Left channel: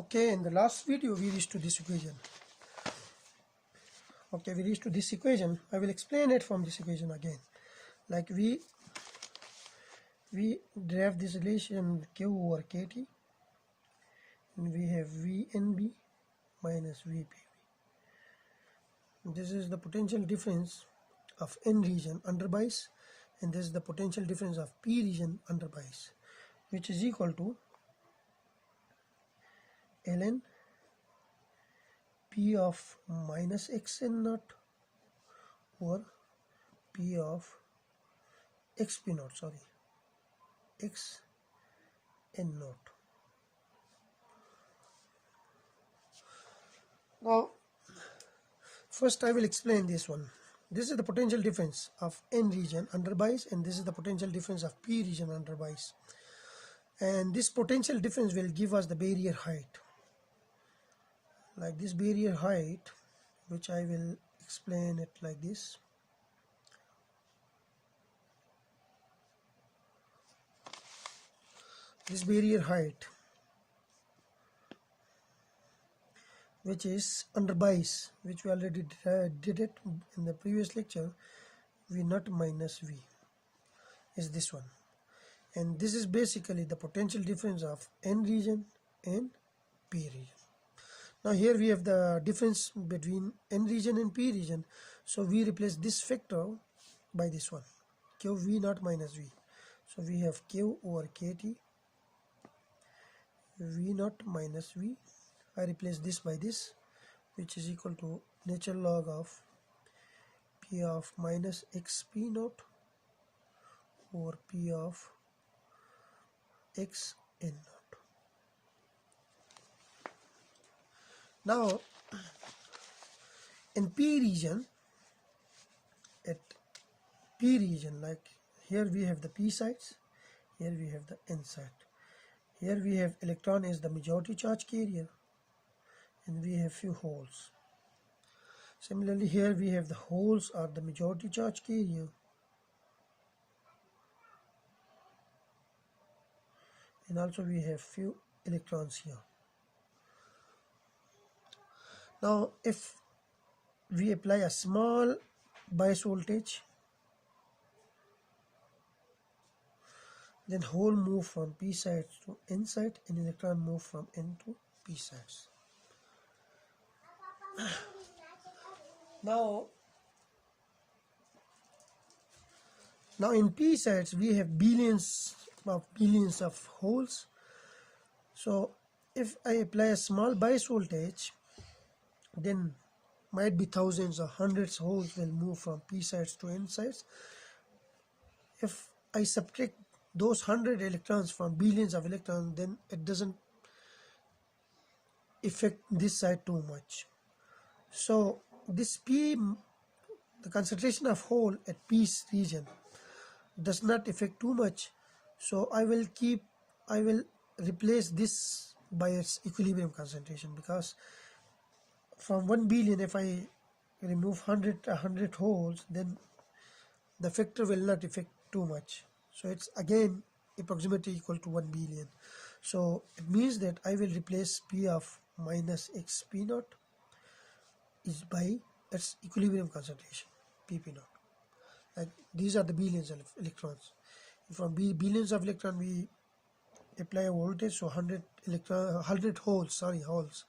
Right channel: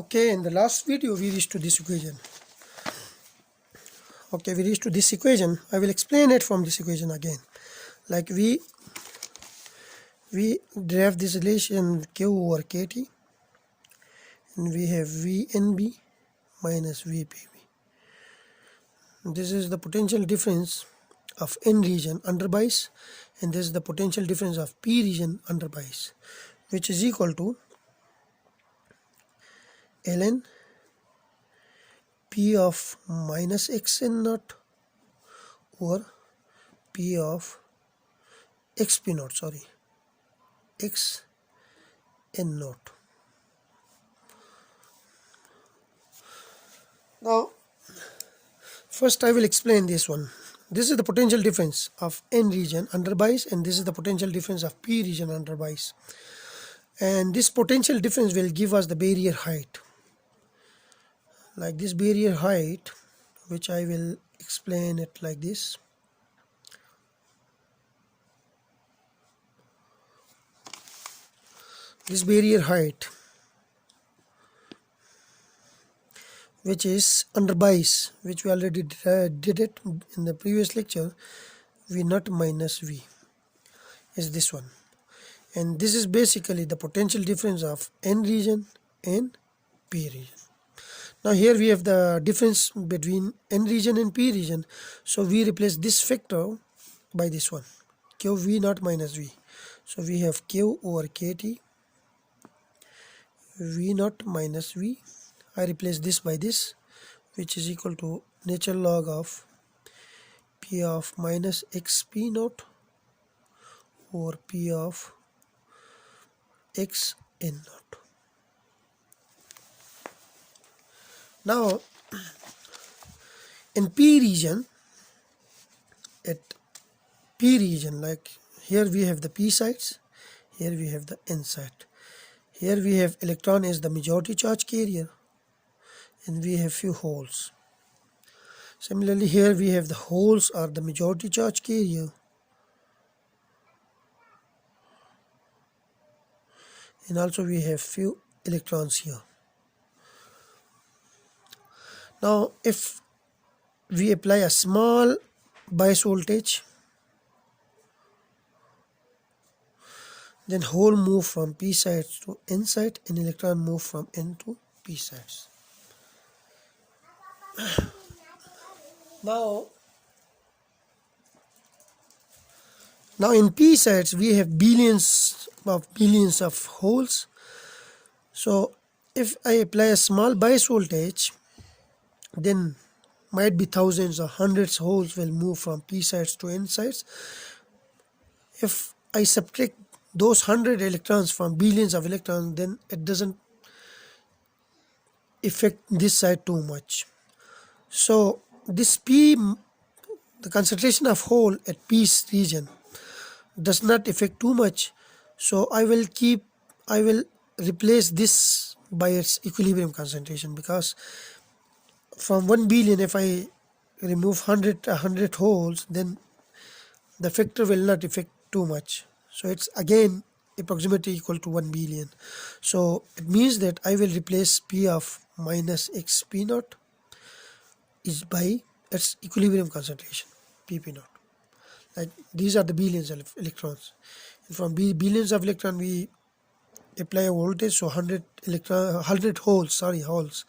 Okay, in the last video we reached to this equation. Okay, we reached to this equation. I will explain it from this equation again. Like we derive this relation Q over KT, and we have VNB minus VPB. This is the potential difference of N region under bias, and this is the potential difference of P region under bias, which is equal to ln P of minus xn naught over P of xp naught, x n naught. Now first I will explain this one. This is the potential difference of N region under bias, and this is the potential difference of P region under bias, and this potential difference will give us the barrier height, like this barrier height, which I will explain it like this. This barrier height, which is under bias, which we already did it in the previous lecture, V naught minus V, is this one, and this is basically the potential difference of N region and P region. Now here we have the difference between N region and P region, so we replace this factor by this one, Q V naught minus V. So we have Q over KT V naught minus V. I replace this by this, which is equal to natural log of P of minus xp naught over P of x n naught. Now in P region, like here we have the P sites, here we have the N site. Here we have electron as the majority charge carrier, and we have few holes. Similarly, here we have the holes are the majority charge carrier, and also we have few electrons here. Now if we apply a small bias voltage, then hole move from P sites to N site, and electron move from N to P sites. Now in P sites we have billions of holes. So if I apply a small bias voltage, then might be thousands or hundreds holes will move from P sites to N sites. If I subtract those 100 electrons from billions of electrons, then it doesn't affect this side too much. So this P, the concentration of hole at P region does not affect too much. So I will replace this by its equilibrium concentration, because from 1 billion, if I remove 100 holes, then the factor will not affect too much. So it's again approximately equal to 1 billion. So it means that I will replace P of minus xp naught is by its equilibrium concentration, pp naught. Like these are the billions of electrons, and from billions of electrons we apply a voltage, so 100 holes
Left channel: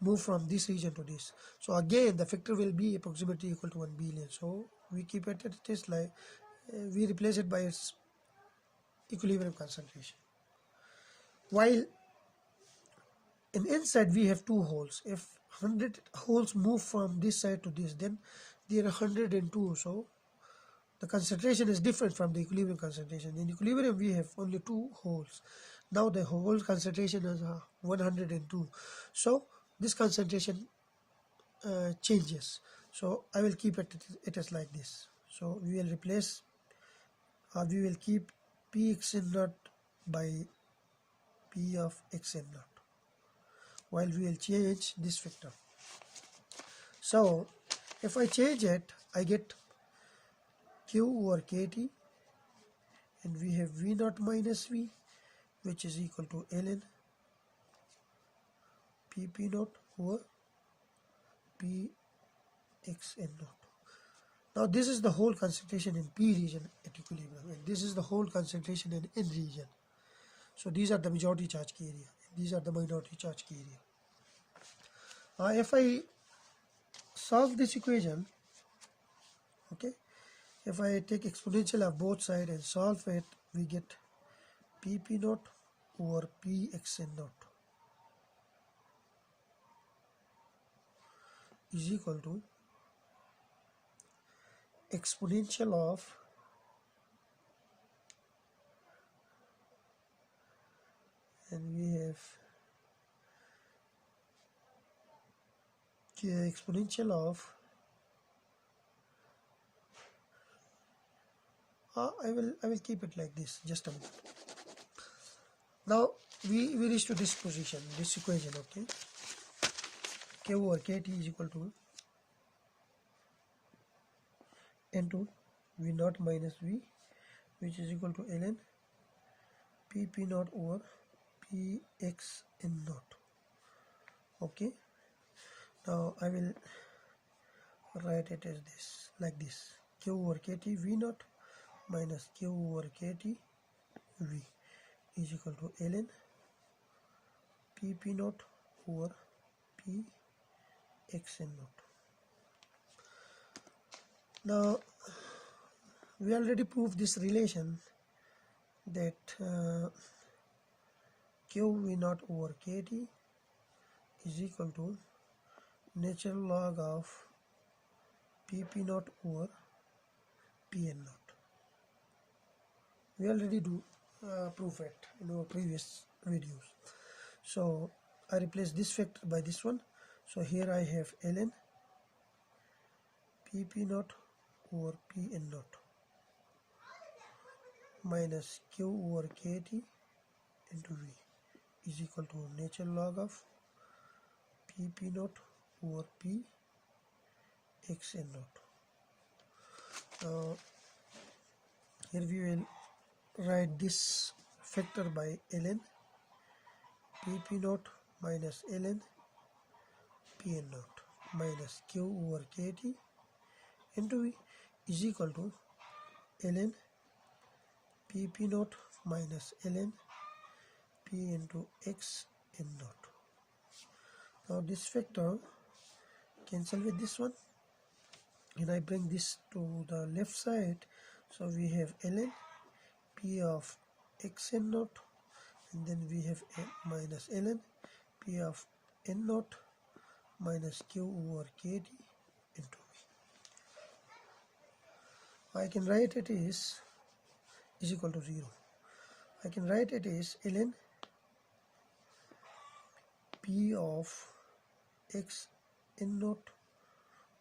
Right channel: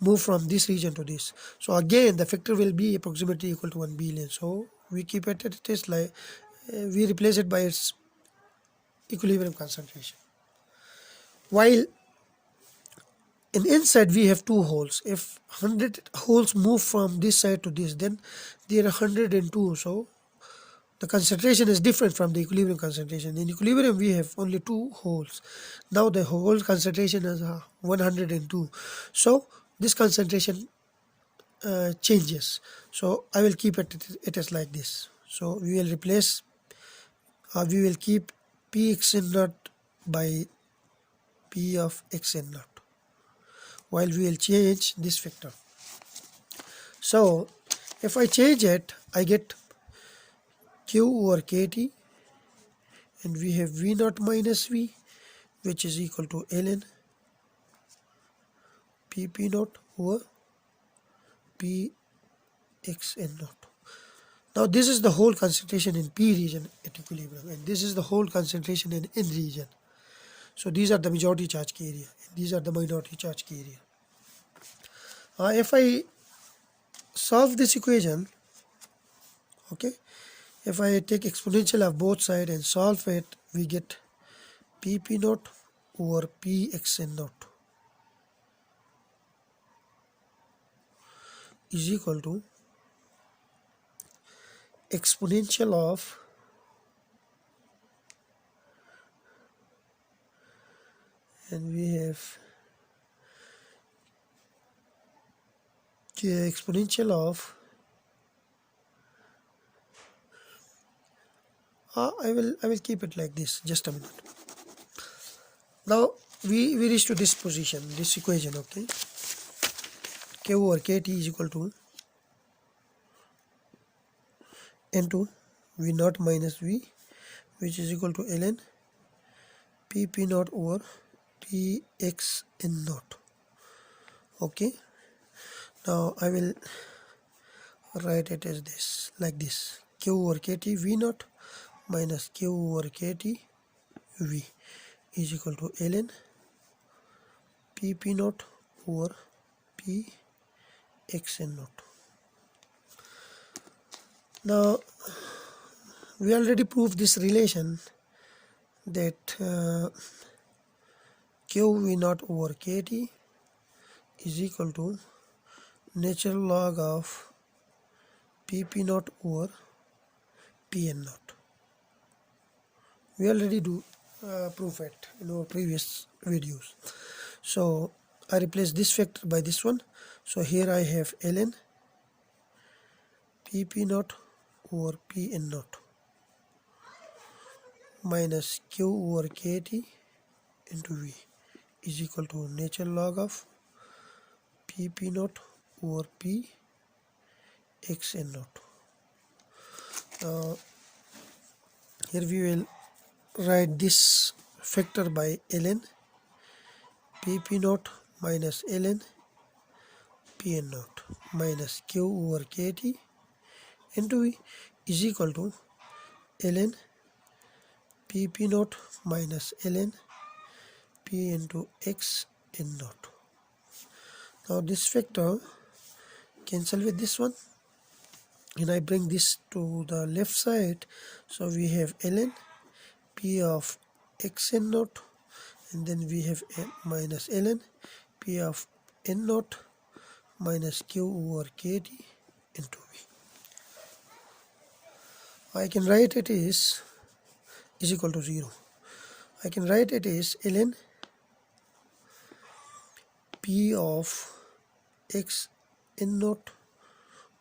move from this region to this. So again the factor will be approximately equal to 1 billion. So we keep it is like we replace it by its equilibrium concentration. While in inside we have two holes. If 100 holes move from this side to this, then there are 102. So the concentration is different from the equilibrium concentration. In equilibrium we have only two holes. Now the hole concentration is 102. So this concentration changes. So I will keep it as like this. So we will replace, we will keep P xn naught by P of xn naught, while we will change this factor. So if I change it, I get Q over KT, and we have V naught minus V, which is equal to ln pp naught over p x n naught. Now this is the whole concentration in P region at equilibrium, and this is the whole concentration in N region. So these are the majority charge key area, and these are the minority charge key area. If I solve this equation, okay, if I take exponential of both sides and solve it, we get pp naught over pxn naught is equal to exponential of and we have exponential of I will keep it like this, just a minute. Now we reach to this position, this equation, okay. Q over kt is equal to n2 v naught minus v, which is equal to ln pp naught over px n naught. Okay, now I will write it as this, like this: q over kt v naught minus q over kt v is equal to ln pp naught over p x n naught. Now we already proved this relation that q v naught over kt is equal to natural log of pp naught over pn naught. We already do prove it in our previous videos. So I replace this factor by this one. So here I have ln pp naught over pn naught minus q over kt into v is equal to natural log of pp naught over p xn naught. Here we will write this factor by ln pp naught minus ln pn naught minus q over kt into v is equal to ln pp naught minus ln p into x n naught. Now this factor cancel with this one, and I bring this to the left side. So we have ln p of x n naught, and then we have minus ln p of n naught minus q over kt into v. I can write it is equal to 0. I can write it is ln p of x n naught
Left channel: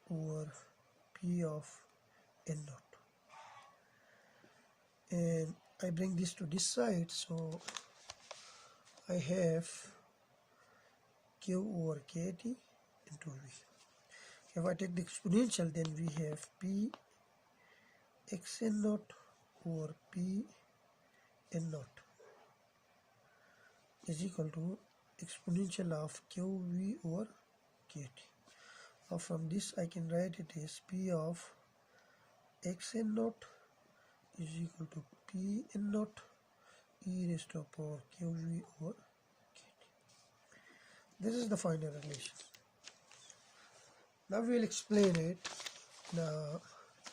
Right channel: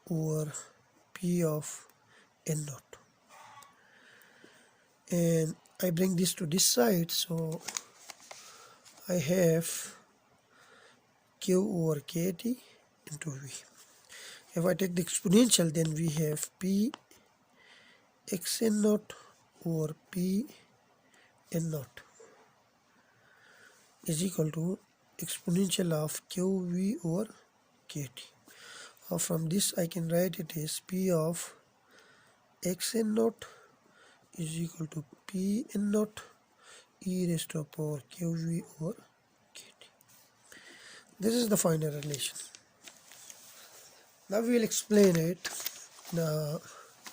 over p of n naught, and I bring this to this side. So I have q over kt into v. If I take the exponential, then we have p x n naught over p n naught is equal to exponential of qv over kt. From this I can write it as p of x n naught is equal to p n naught e raised to the power qv over kt. This is the final relation. Now we will explain it in a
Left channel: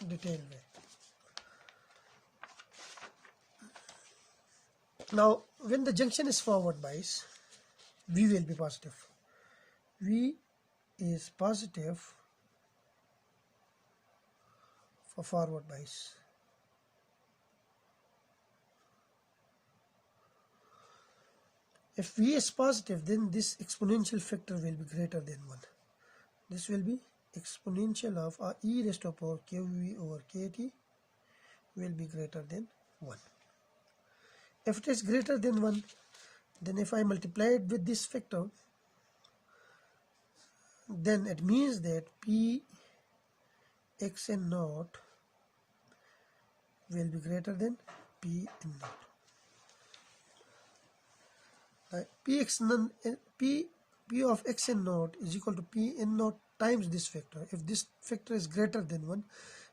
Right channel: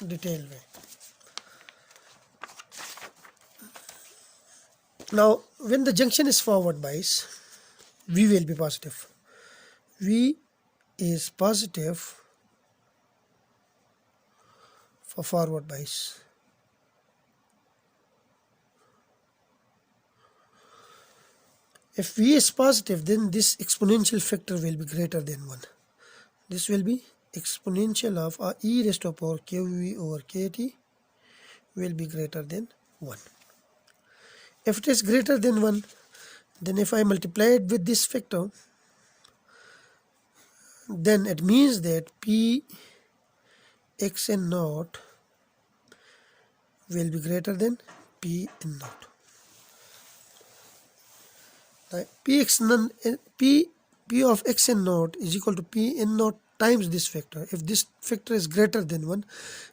detailed way. Now when the junction is forward bias, V will be positive. V is positive for forward bias. If V is positive, then this exponential factor will be greater than 1. This will be exponential of e raised to the power qv over kt will be greater than 1. If it is greater than 1, then if I multiply it with this factor, then it means that p xn naught will be greater than p n naught. P P of xn naught is equal to P n naught times this factor. If this factor is greater than 1,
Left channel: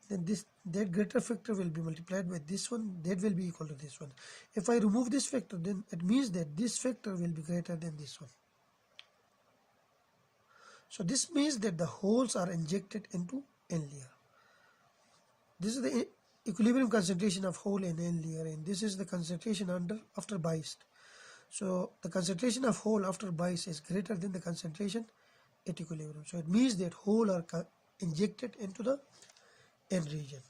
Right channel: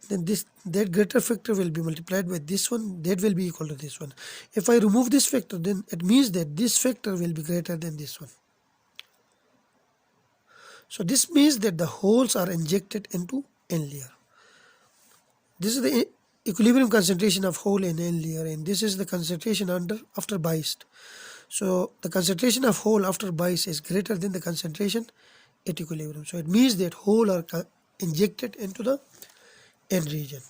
then that greater factor will be multiplied by this one, that will be equal to this one. If I remove this factor, then it means that this factor will be greater than this one. So this means that the holes are injected into n layer. This is the equilibrium concentration of hole in n layer, and this is the concentration after biased. So the concentration of hole after bias is greater than the concentration at equilibrium. So it means that hole are injected into the n region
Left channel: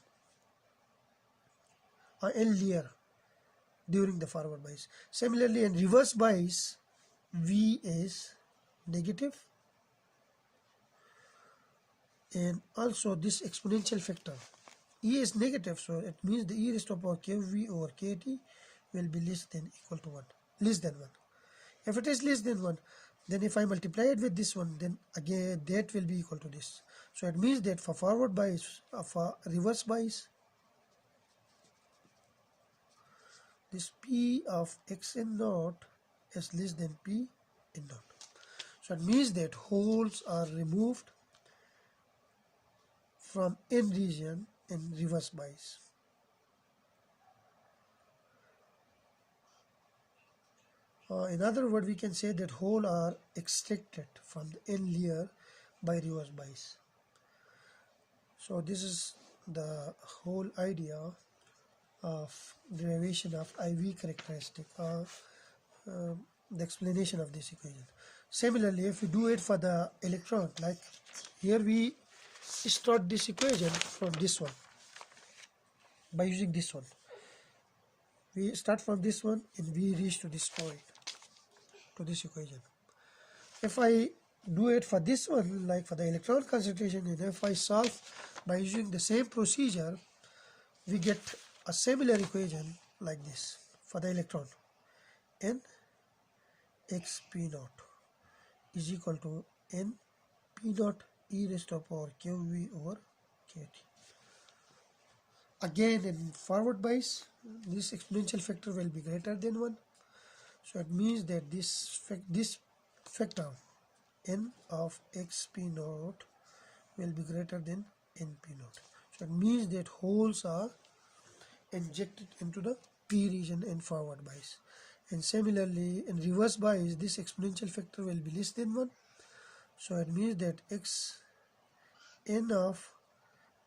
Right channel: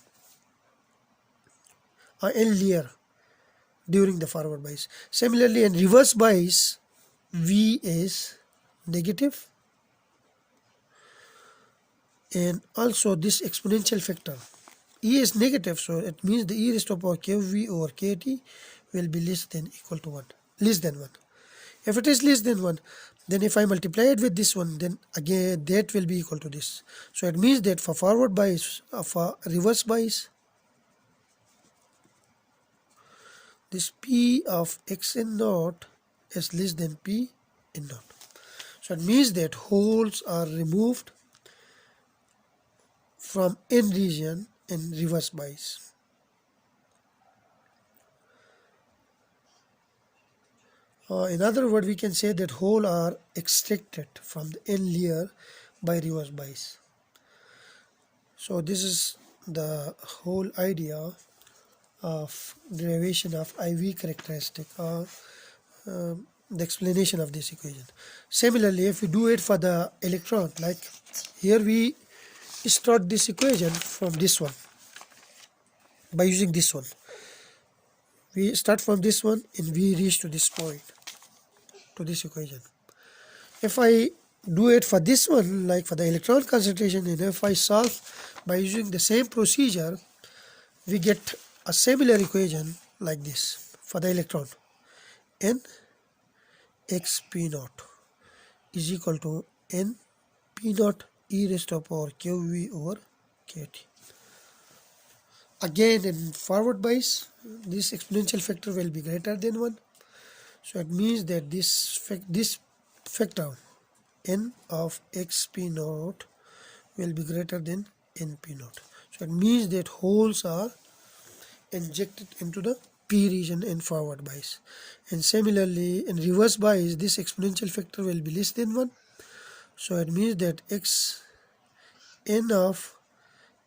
or n layer during the forward bias. Similarly, in reverse bias, V is negative, and also this exponential factor E is negative, so it means the e raised to power kV over kt will be less than equal to 1, less than 1. If it is less than 1, then if I multiply it with this one, then again that will be equal to this. So it means that for forward bias, for reverse bias, this P of xn naught is less than P n naught. So it means that holes are removed from n region in reverse bias. In other words, we can say that holes are extracted from the n layer by reverse bias. So this is the whole idea of derivation of I-V characteristic, or the explanation of this equation. Similarly, if we do it for the electron, like here we start this equation from this one by using this one. We start from this one and we reach to this point, to this equation. If I do it for this one, like for the electron concentration, and if I solve by using the same procedure, we get a similar equation like this for the electron. N x p naught is equal to n p naught e raised to power qv over kt. Again, in forward bias, this exponential factor will be greater than 1. So it means that this factor n of xp naught will be greater than np naught. So it means that holes are injected into the p region in forward bias. And similarly, in reverse bias, this exponential factor will be less than 1. So it means that n of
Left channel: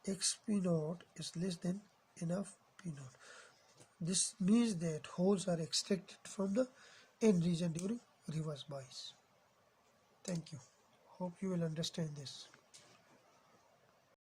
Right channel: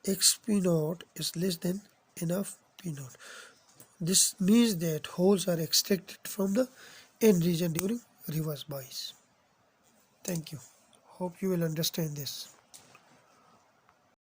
xp naught is less than n of p naught. This means that holes are extracted from the n region during reverse bias. Thank you. Hope you will understand this.